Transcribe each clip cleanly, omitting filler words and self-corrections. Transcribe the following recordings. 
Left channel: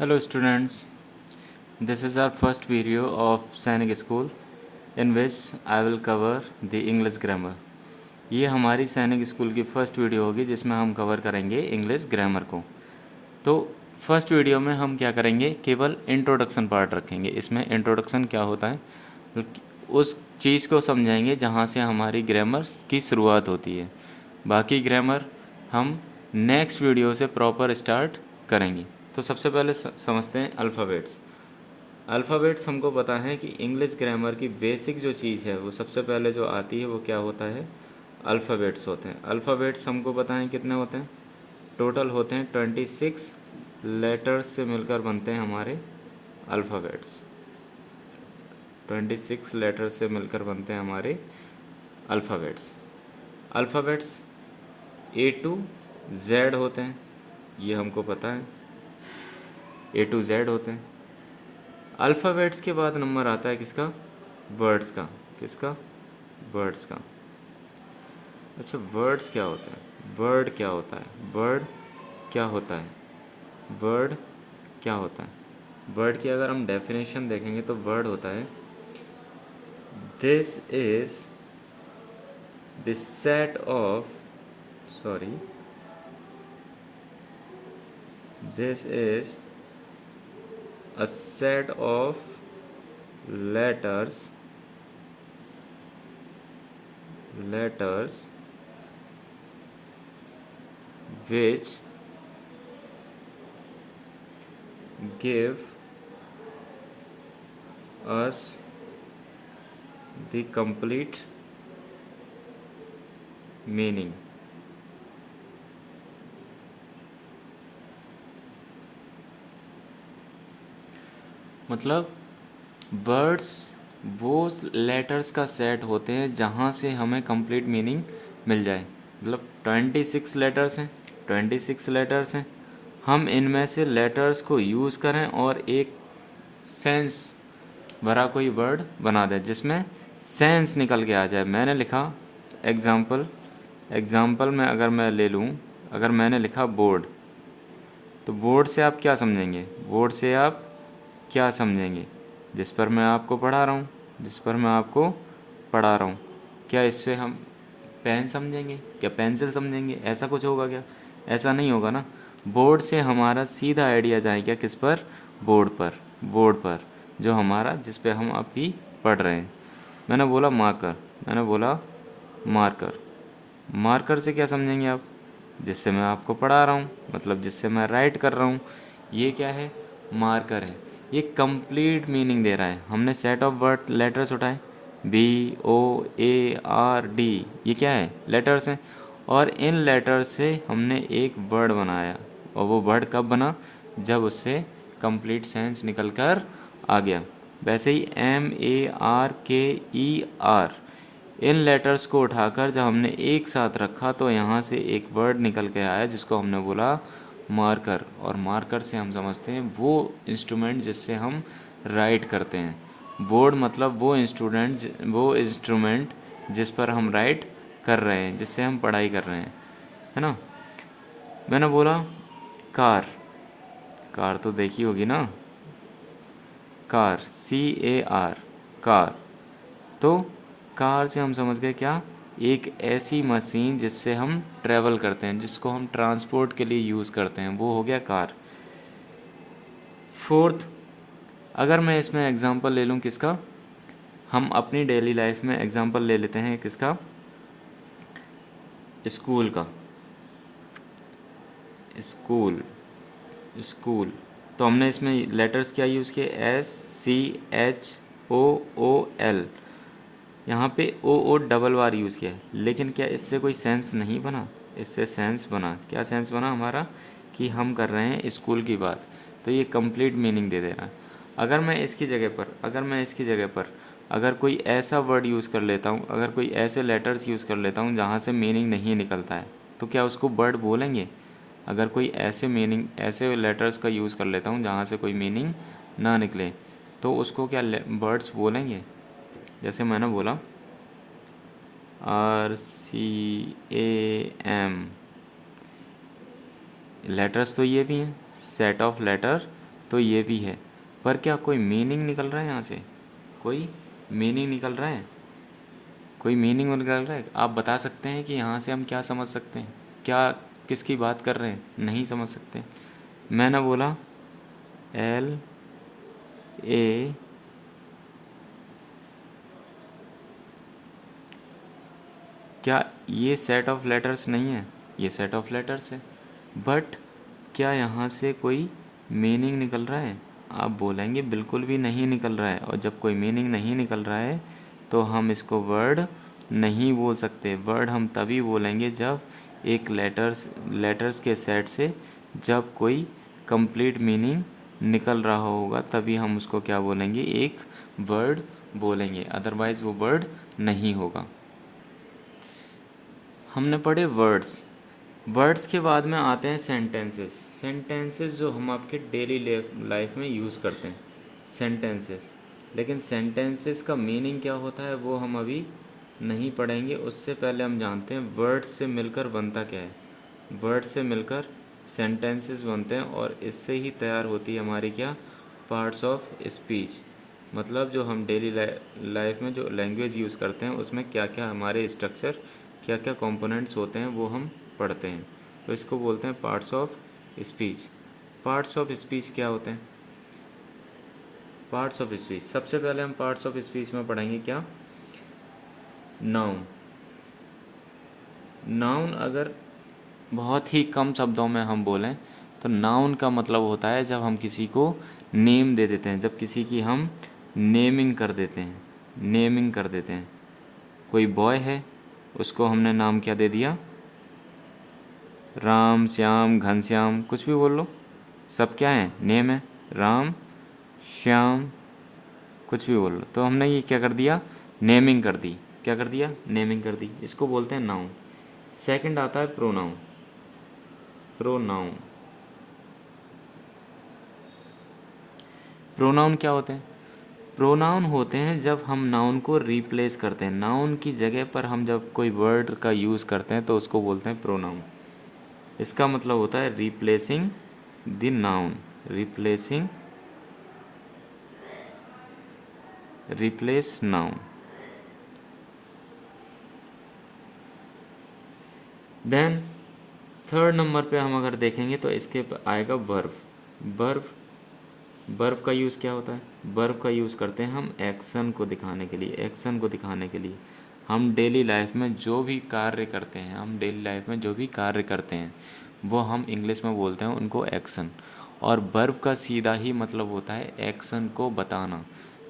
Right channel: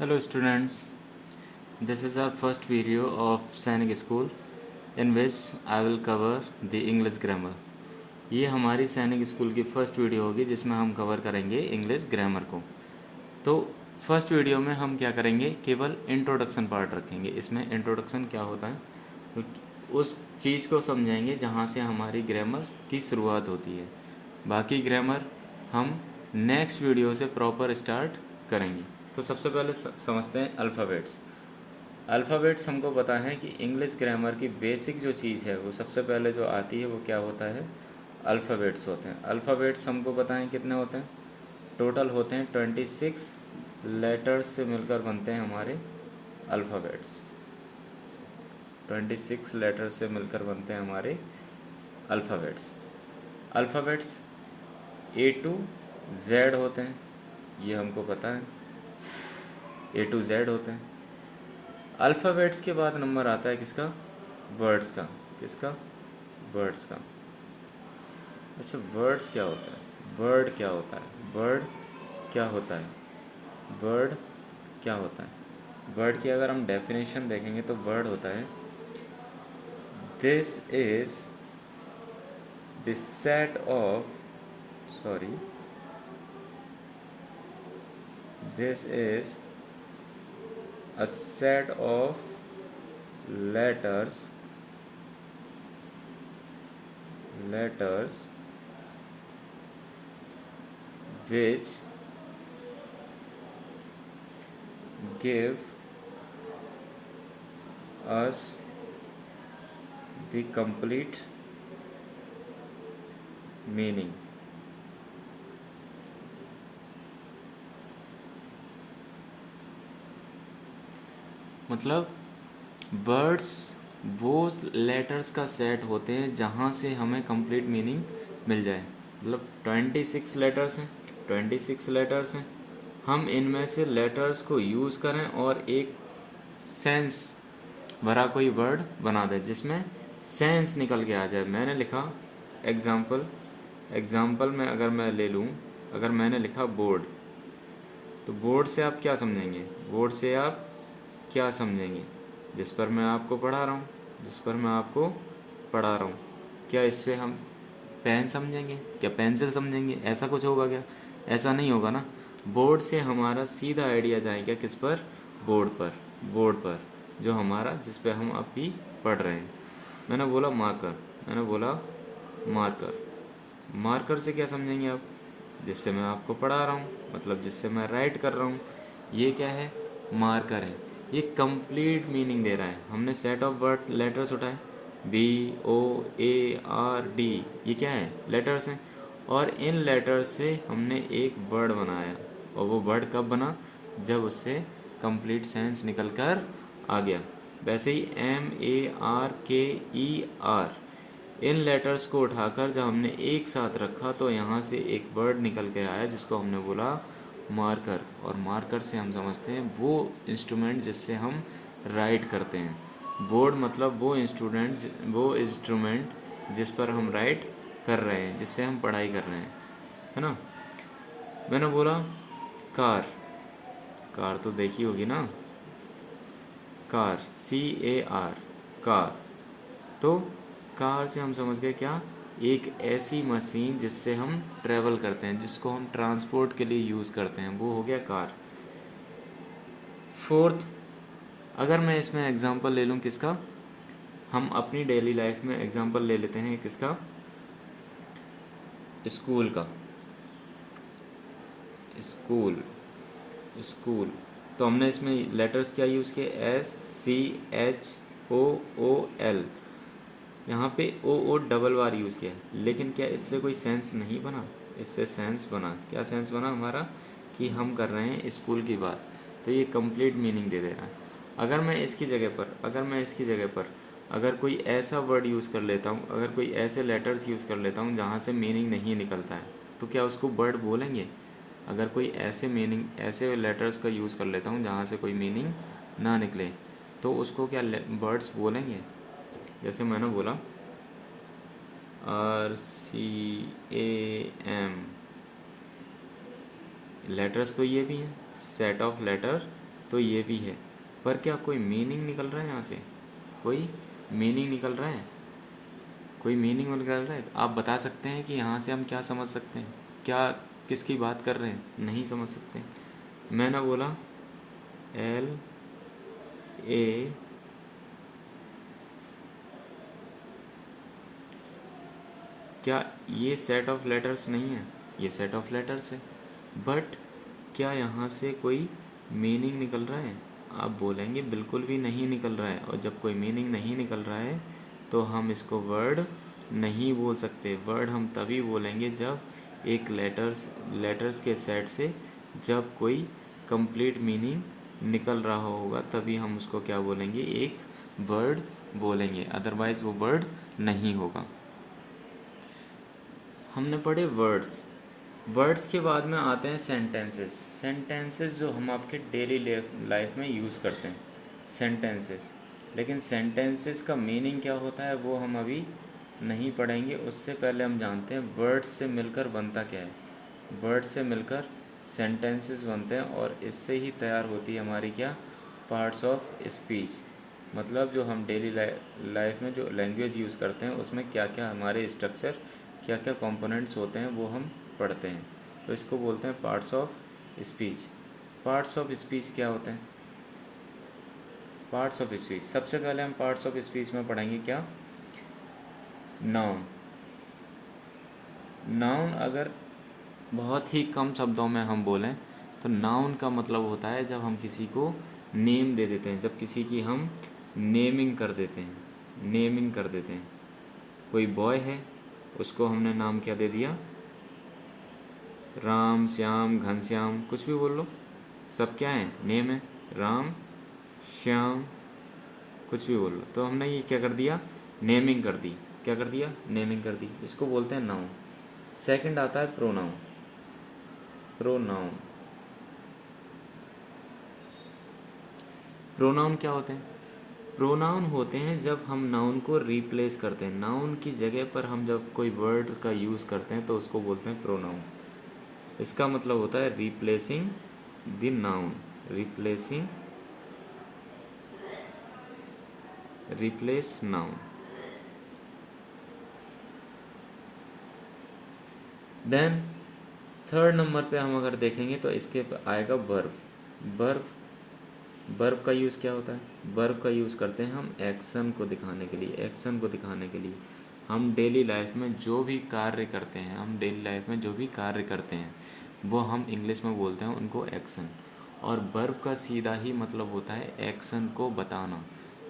Hello students, this is our first video of सैनिक school in which I will cover the English grammar। ये हमारी सैनिक school की first video होगी जिसमें हम कवर करेंगे इंग्लिश ग्रामर को। तो फर्स्ट वीडियो में हम क्या करेंगे, केवल इंट्रोडक्शन पार्ट रखेंगे। इसमें इंट्रोडक्शन क्या होता है, तो उस चीज़ को समझाएंगे जहाँ से हमारी ग्रामर की शुरुआत होती है। बाकी ग्रामर हम नेक्स्ट वीडियो से प्रॉपर स्टार्ट करेंगे। तो सबसे पहले समझते हैं अल्फ़ाबेट्स। अल्फ़ाबेट्स हमको पता है कि इंग्लिश ग्रामर की बेसिक जो चीज़ है वो सबसे पहले जो आती है वो क्या होता है, अल्फ़ाबेट्स होते हैं। अल्फ़ाबेट्स हमको पता है कितने होते हैं, टोटल होते हैं 26 लेटर्स से मिलकर बनते हैं हमारे अल्फ़ाबेट्स। 26 लेटर्स से मिलकर बनते हैं हमारे alphabets. Alphabets A to Z होते हैं, ये हमको पता है, ए टू जेड होते हैं। अल्फ़ाबेट्स के बाद नंबर आता है किसका, वर्ड्स का। किसका, वर्ड्स का। अच्छा, वर्ड्स क्या होता है, वर्ड क्या होता है, वर्ड क्या होता है, वर्ड क्या होता है। वर्ड की अगर हम डेफिनेशन देखेंगे तो वर्ड होता है, this is the set of, sorry, this is a set of letters which give us the complete meaning। मतलब वर्ड्स वो लेटर्स का सेट होते हैं जहाँ से हमें कंप्लीट मीनिंग मिल जाए। मतलब 26 लेटर्स हैं, 26 लेटर्स हैं, हम इनमें से लेटर्स को यूज़ करें और एक सेंस भरा कोई वर्ड बना दें जिसमें सेंस निकल के आ जाए। मैंने लिखा एग्ज़ाम्पल में अगर मैं ले लूँ, अगर मैंने लिखा बोर्ड, तो बोर्ड से आप क्या समझेंगे, बोर्ड से आप क्या समझेंगे, जिस पर मैं आपको पढ़ा रहा हूँ, जिस पर मैं आपको पढ़ा रहा हूँ। क्या इससे हम पेन समझेंगे, क्या पेंसिल समझेंगे, ऐसा कुछ होगा क्या? ऐसा नहीं होगा ना। बोर्ड से हमारा सीधा आइडिया जाएगा किस पर, बोर्ड पर, बोर्ड पर जो हमारा, जिस पे हम अभी पढ़ रहे हैं। मैंने बोला मार्कर, मैंने बोला मार्कर, मार्कर से क्या समझेंगे आप, जिससे मैं आपको पढ़ा रहा हूँ, मतलब जिससे मैं राइट कर रहा हूँ, ये क्या है, मार्कर है। ये कंप्लीट मीनिंग दे रहा है। हमने सेट ऑफ वर्ड लेटर्स उठाए, B O A R D, ये क्या है, लेटर्स हैं, और इन लेटर्स से हमने एक वर्ड बनाया। और वो वर्ड कब बना, जब उससे कंप्लीट सेंस निकल कर आ गया। वैसे ही MARKER, इन लेटर्स को उठाकर जब हमने एक साथ रखा तो यहाँ से एक वर्ड निकल के आया जिसको हमने बोला मार्कर। और मार्कर से हम समझते हैं वो इंस्ट्रूमेंट जिससे हम राइट करते हैं। बोर्ड मतलब वो इंस्ट्रूमेंट जिस पर हम राइट कर रहे हैं, जिससे हम पढ़ाई कर रहे हैं, है ना। मैंने बोला कार, कार तो देखी होगी ना, कार, CAR, कार। तो कार से हम समझ गए क्या, एक ऐसी मशीन जिससे हम ट्रैवल करते हैं, जिसको हम ट्रांसपोर्ट के लिए यूज़ करते हैं, वो हो गया कार। फोर्थ, अगर मैं इसमें एग्जांपल ले लूँ किसका, हम अपनी डेली लाइफ में एग्जांपल ले लेते हैं किसका, स्कूल का। स्कूल, स्कूल, तो हमने इसमें लेटर्स क्या यूज़ किए, SCHOOL। यहाँ पे ओ डबल बार यूज़ किया है, लेकिन क्या इससे कोई सेंस नहीं बना, इससे सेंस बना। क्या सेंस बना हमारा, कि हम कर रहे हैं स्कूल की बात, तो ये कंप्लीट मीनिंग दे दे रहा है। अगर मैं इसकी जगह पर, अगर कोई ऐसा वर्ड यूज़ कर लेता हूँ, अगर कोई ऐसे लेटर्स यूज़ कर लेता हूँ जहाँ से मीनिंग नहीं निकलता है, तो क्या उसको वर्ड बोलेंगे? अगर कोई ऐसे लेटर्स का यूज़ कर लेता हूँ जहाँ से कोई मीनिंग ना निकले, तो उसको क्या वर्ड्स बोलेंगे? जैसे मैंने बोला RCAM, लेटर्स तो ये भी हैं, सेट ऑफ लेटर तो ये भी है। पर क्या कोई मीनिंग निकल रहा है यहाँ से? कोई मीनिंग निकल रहा है? कोई मीनिंग निकल रहा है? आप बता सकते हैं कि यहाँ से हम क्या समझ सकते हैं? क्या किसकी बात कर रहे हैं? नहीं समझ सकते। मैंने बोला एल ए, क्या ये सेट ऑफ लेटर्स नहीं है? ये सेट ऑफ लेटर्स है। बट क्या यहाँ से कोई मीनिंग निकल रहा है? आप बोलेंगे बिल्कुल भी नहीं निकल रहा है। और जब कोई मीनिंग नहीं निकल रहा है तो हम इसको वर्ड नहीं बोल सकते। वर्ड हम तभी बोलेंगे जब एक लेटर्स के सेट से जब कोई कंप्लीट मीनिंग निकल रहा होगा, तभी हम उसको क्या बोलेंगे? एक वर्ड बोलेंगे। अदरवाइज़ वो वर्ड नहीं होगा। हमने पढ़े वर्ड्स। वर्ड्स के बाद में आते हैं सेंटेंसेस। सेंटेंसेस जो हम आपके डेली लाइफ में यूज़ करते हैं, सेंटेंसेस। लेकिन सेंटेंसेस का मीनिंग क्या होता है वो हम अभी नहीं पढ़ेंगे। उससे पहले हम जानते हैं वर्ड्स से मिलकर बनता क्या है। वर्ड्स से मिलकर सेंटेंसेस बनते हैं और इससे ही तैयार होती है हमारी क्या? Parts of speech. मतलब जो हम डेली लाइफ में जो लैंग्वेज यूज़ करते हैं उसमें क्या क्या हमारे स्ट्रक्चर, क्या क्या कंपोनेंट्स होते हैं वो हम पढ़ते हैं। तो इसको बोलते हैं parts of speech. Parts of speech क्या होते हैं? पार्ट्स ऑफ स्पीच, सबसे पहले हम पार्ट्स ऑफ स्पीच में पढ़ेंगे क्या? नाउन। नाउन अगर बहुत ही कम शब्दों में हम बोलें तो नाउन का मतलब होता है जब हम किसी को नेम दे देते हैं, जब किसी की हम नेमिंग कर देते हैं। नेमिंग कर देते हैं। कोई बॉय है, उसको हमने नाम क्या दे दिया? राम, श्याम, घनश्याम, कुछ भी बोल लो, सब क्या है? नेम है। राम, श्याम, कुछ भी बोल लो। तो हमने ये क्या कर दिया? नेमिंग कर दी। क्या कर दिया? नेमिंग कर दी। इसको बोलते हैं नाउन। सेकंड आता है प्रोनाउन। प्रोनाउन। प्रोनाउन क्या होते हैं? प्रोनाउन होते हैं जब हम नाउन को रिप्लेस करते हैं। नाउन की जगह पर हम जब कोई वर्ड का यूज़ करते हैं तो उसको बोलते हैं प्रोनाउन। इसका मतलब होता है replacing the noun. Replacing, replace noun. Then third number पे हम अगर देखेंगे तो इसके आएगा वर्ब। वर्ब। वर्ब का यूज़ क्या होता है? वर्ब का यूज़ करते हैं हम एक्शन को दिखाने के लिए। एक्शन को दिखाने के लिए हम डेली लाइफ में जो भी कार्य करते हैं, हम डेली लाइफ में जो भी कार्य करते हैं वो हम इंग्लिश में बोलते हैं उनको एक्शन। और वर्ब का सीधा ही मतलब होता है एक्शन को बताना।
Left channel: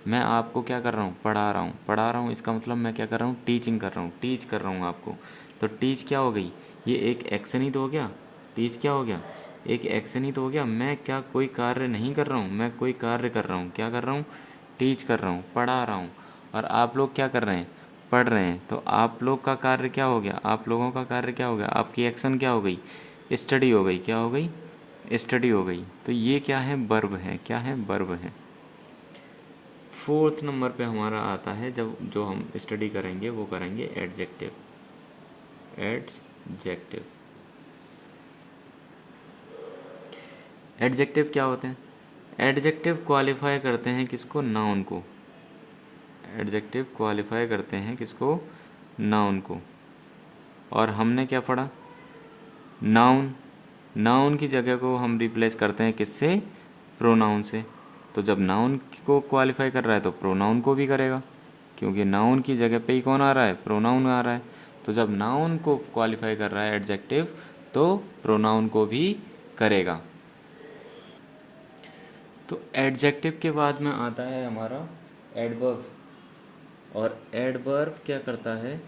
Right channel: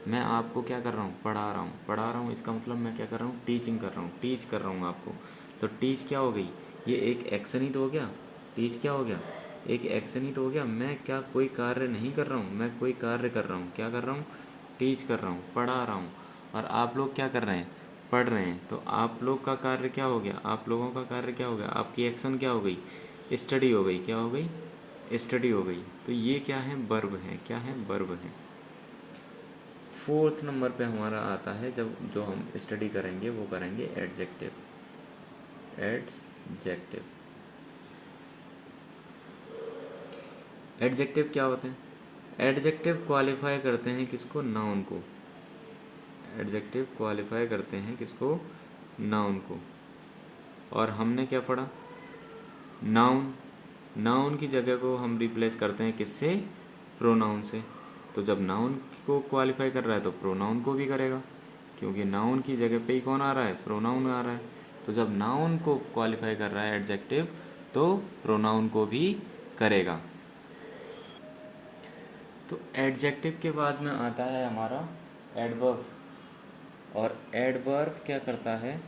मैं आपको क्या कर रहा हूँ? पढ़ा रहा हूँ। पढ़ा रहा हूँ इसका मतलब मैं क्या कर रहा हूँ? टीचिंग कर रहा हूँ। टीच कर रहा हूँ आपको। तो टीच क्या हो गई? ये एक एक्शन ही तो हो गया। टीच क्या हो गया? एक एक्शन ही तो हो गया। मैं क्या कोई कार्य नहीं कर रहा हूँ, मैं कोई कार्य कर रहा हूँ। क्या कर रहा हूँ? टीच कर रहा हूँ, पढ़ा रहा हूँ। और आप लोग क्या कर रहे हैं? पढ़ रहे हैं। तो आप लोग का कार्य क्या हो गया? आप लोगों का कार्य क्या हो गया? आपकी एक्शन क्या हो गई? स्टडी हो गई। क्या हो गई? स्टडी हो गई। तो ये क्या है? वर्ब है। क्या है? वर्ब है। फोर्थ नंबर पे हमारा आता है जब जो हम स्टडी करेंगे वो करेंगे एडजेक्टिव। एडजेक्टिव। एडजेक्टिव क्या होते हैं? एडजेक्टिव क्वालिफाई करते हैं किसको? नाउन को। एडजेक्टिव क्वालिफाई करते हैं किसको? नाउन को। और हमने क्या पढ़ा? नाउन। नाउन की जगह को हम रिप्लेस करते हैं किससे? प्रोनाउन से। तो जब नाउन को क्वालिफाई कर रहा है तो प्रोनाउन को भी करेगा, क्योंकि नाउन की जगह पे ही कौन आ रहा है? प्रोनाउन आ रहा है। तो जब नाउन को क्वालिफाई कर रहा है एडजेक्टिव तो प्रोनाउन को भी करेगा। तो एडजेक्टिव के बाद में आता है हमारा एडवर्ब। और एडवर्ब क्या करता है?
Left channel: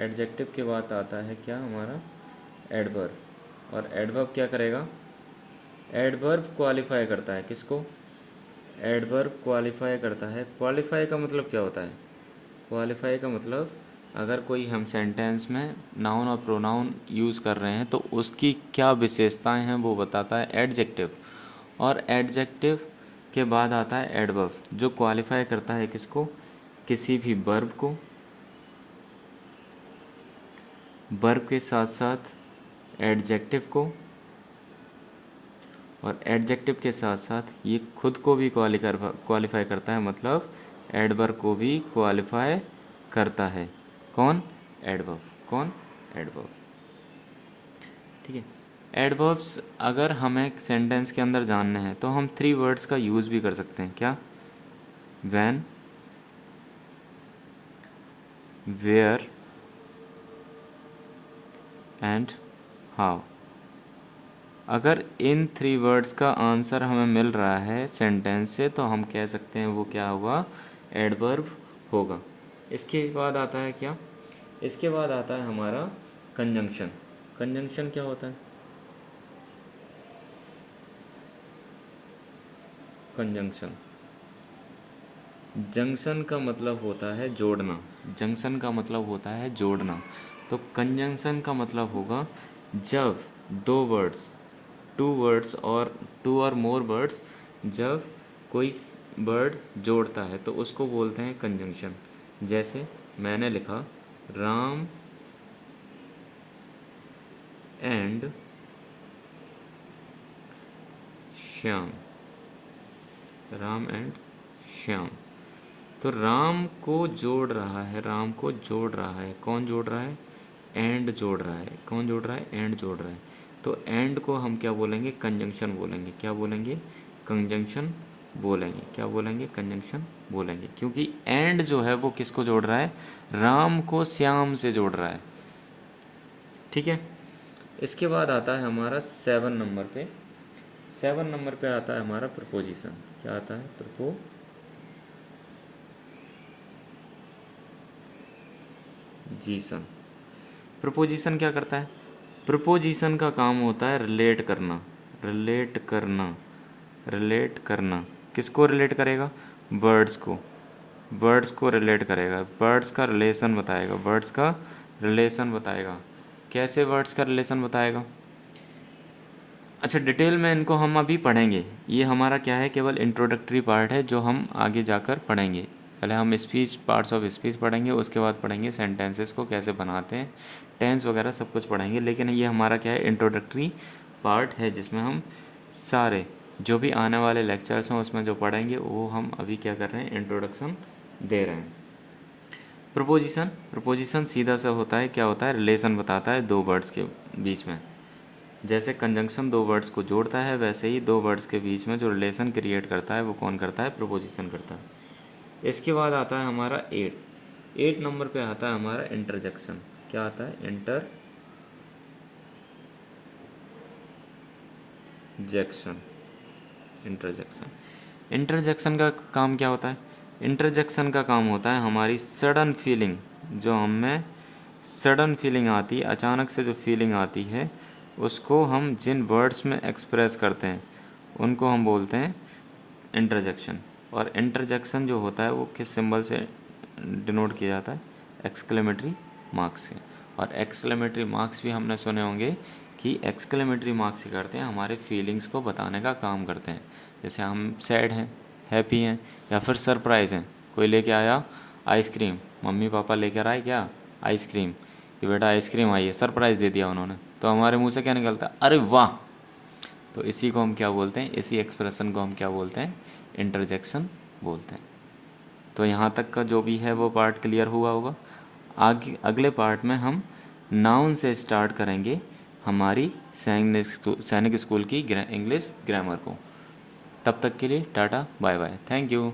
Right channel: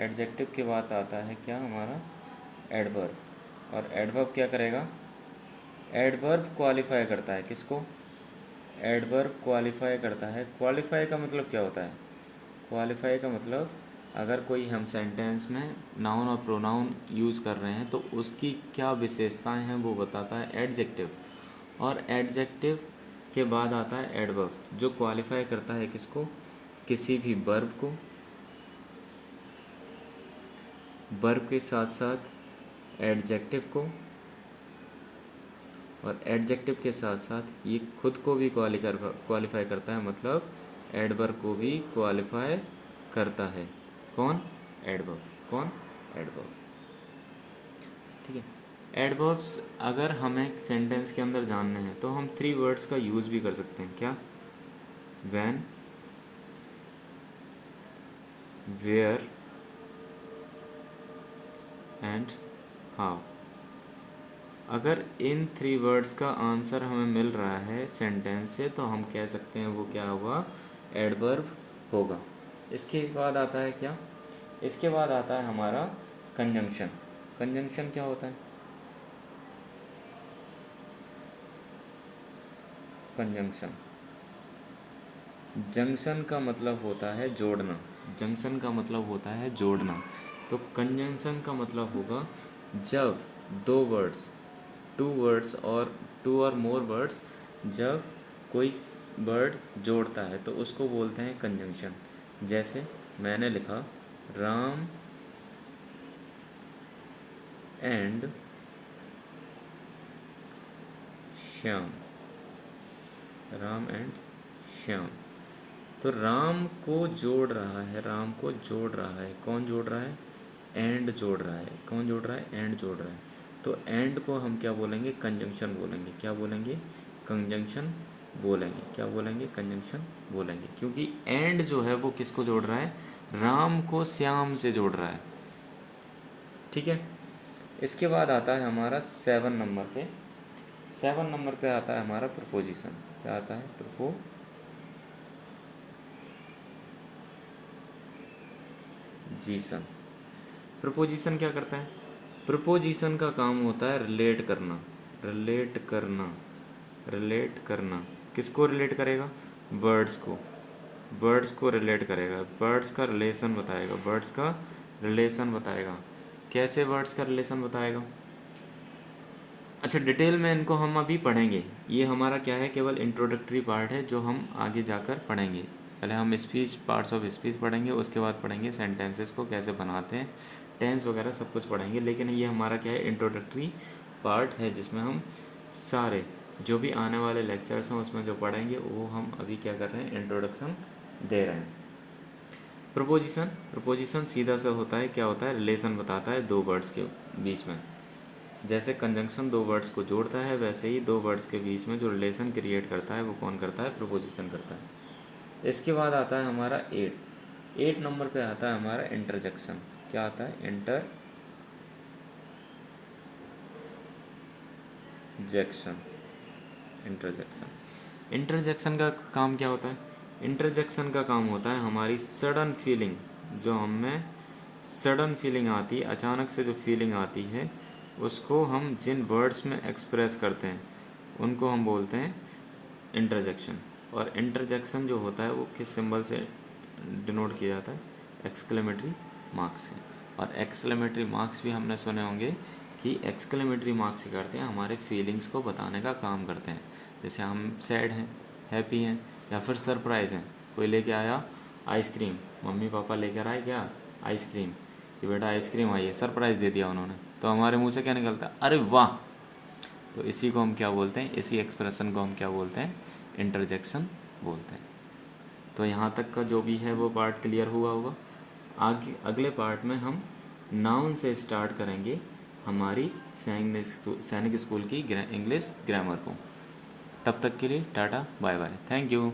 एडजेक्टिव के बाद आता है क्या हमारा? एडवर्ब। और एडवर्ब क्या करेगा? एडवर्ब क्वालिफाई करता है किसको? एडवर्ब क्वालिफाई करता है। क्वालिफाई का मतलब क्या होता है? क्वालिफाई का मतलब अगर कोई हम सेंटेंस में नाउन और प्रोनाउन यूज़ कर रहे हैं तो उसकी क्या विशेषताएं हैं वो बताता है एडजेक्टिव। और एडजेक्टिव के बाद आता है एडवर्ब, जो क्वालिफाई करता है किसको? किसी भी वर्ब को। वर्ब के साथ साथ एडजेक्टिव को और एडजेक्टिव के साथ साथ ये खुद को भी क्वालिफाई करता है, मतलब एडवर्ब को भी क्वालिफाई करता है। कौन? एडवर्ब। कौन? एडवर्ब। ठीक है। एडवर्ब्स अगर हमें सेंटेंस के अंदर जानने हैं तो हम 3 वर्ड्स का यूज़ भी कर सकते हैं। क्या? When, where and how. अगर इन 3 वर्ड्स का आंसर हमें मिल रहा है सेंटेंस से तो हम कह सकते हैं वो क्या होगा? एडवर्ब होगा। इसके बाद आता है क्या? इसके बाद आता है हमारा कंजंक्शन। कंजंक्शन क्या होता है? कंजंक्शन, जंक्शन का मतलब होता है जोड़ना। जंक्शन का मतलब होता है जोड़ना। तो कंजंक्शन का मतलब होगा जब 2 वर्ड्स, 2 वर्ड्स और 2 और मोर वर्ड्स, जब कोई वर्ड जोड़ता है तो उसको बोलते हैं कंजंक्शन। जैसे मैंने लिखा राम एंड श्याम। राम एंड श्याम। तो राम को जोड़ रहा है, राम को जोड़ रहा है। कौन जोड़ रहा है? एंड जोड़ रहा है। कौन जोड़ रहा है? एंड जोड़ रहा है। तो एंड को हम क्या बोलेंगे? कंजंक्शन बोलेंगे। क्या बोलेंगे? कंजंक्शन बोलेंगे। क्या बोलेंगे? कंजंक्शन बोलेंगे। क्योंकि एंड जो है वो किसको जोड़ रहा है? राम को श्याम से जोड़ रहा है। ठीक है। इसके बाद आता है हमारा 7 नंबर पे। 7 नंबर पे आता है हमारा प्रपोजिशन। क्या आता है? प्रपोजिशन। प्रपोजिशन क्या करता है? प्रपोजिशन का काम होता है रिलेट करना। रिलेट करना। रिलेट करना। किसको रिलेट करेगा? वर्ड्स को। वर्ड्स को रिलेट करेगा। वर्ड्स का रिलेशन बताएगा। वर्ड्स का रिलेशन बताएगा। कैसे वर्ड्स का रिलेशन बताएगा? अच्छा, डिटेल में इनको हम अभी पढ़ेंगे। ये हमारा क्या है? केवल इंट्रोडक्टरी पार्ट है जो हम आगे जाकर पढ़ेंगे। पहले हम स्पीच, पार्ट्स ऑफ स्पीच पढ़ेंगे, उसके बाद पढ़ेंगे सेंटेंसेस को कैसे बनाते हैं, टेंस वगैरह सब कुछ पढ़ेंगे। लेकिन ये हमारा क्या है? इंट्रोडक्टरी पार्ट है जिसमें हम सारे जो भी आने वाले लेक्चर्स हैं उसमें जो पढ़ेंगे वो हम अभी क्या कर रहे हैं? इंट्रोडक्शन दे रहे हैं। प्रपोजिशन। प्रपोजिशन सीधा सा होता है, क्या होता है? रिलेशन बताता है 2 वर्ड्स के बीच में। जैसे कंजंक्शन 2 वर्ड्स को जोड़ता है, वैसे ही 2 वर्ड्स के बीच में जो रिलेशन क्रिएट करता है वो कौन करता है? प्रपोजिशन करता है। इसके बाद आता है हमारा 8 नंबर पे आता है हमारा इंटरजेक्शन। क्या आता है? इंटरजेक्शन। इंटरजेक्शन। इंटरजेक्शन का काम क्या होता है? इंटरजेक्शन का काम होता है हमारी सडन फीलिंग, जो हमें सडन फीलिंग आती है, अचानक से जो फीलिंग आती है उसको हम जिन वर्ड्स में एक्सप्रेस करते हैं उनको हम बोलते हैं इंटरजेक्शन। और इंटरजेक्शन जो होता है वो किस सिंबल से डिनोट किया जाता है? एक्सक्लेमेटरी मार्क्स से। और एक्सक्लेमेटरी मार्क्स भी हमने सुने होंगे कि एक्सक्लेमेटरी मार्क्स ही करते हैं, हमारे फीलिंग्स को बताने का काम करते हैं। जैसे हम सैड हैं, हैप्पी हैं, या फिर सरप्राइज़ हैं। कोई लेके आया आइसक्रीम, मम्मी पापा लेकर आए क्या? आइसक्रीम, कि बेटा आइसक्रीम आई है, सरप्राइज़ दे दिया उन्होंने, तो हमारे मुंह से क्या निकलता है? अरे वाह। तो इसी को हम क्या बोलते हैं? इसी एक्सप्रेशन को हम क्या बोलते हैं? इंटरजेक्शन बोलते हैं। तो यहाँ तक का जो भी है वो पार्ट क्लियर हुआ होगा। आगे अगले पार्ट में हम नाउन से स्टार्ट करेंगे हमारी सैनिक स्कूल की इंग्लिश ग्रामर को। तब तक के लिए tata bye bye, thank you.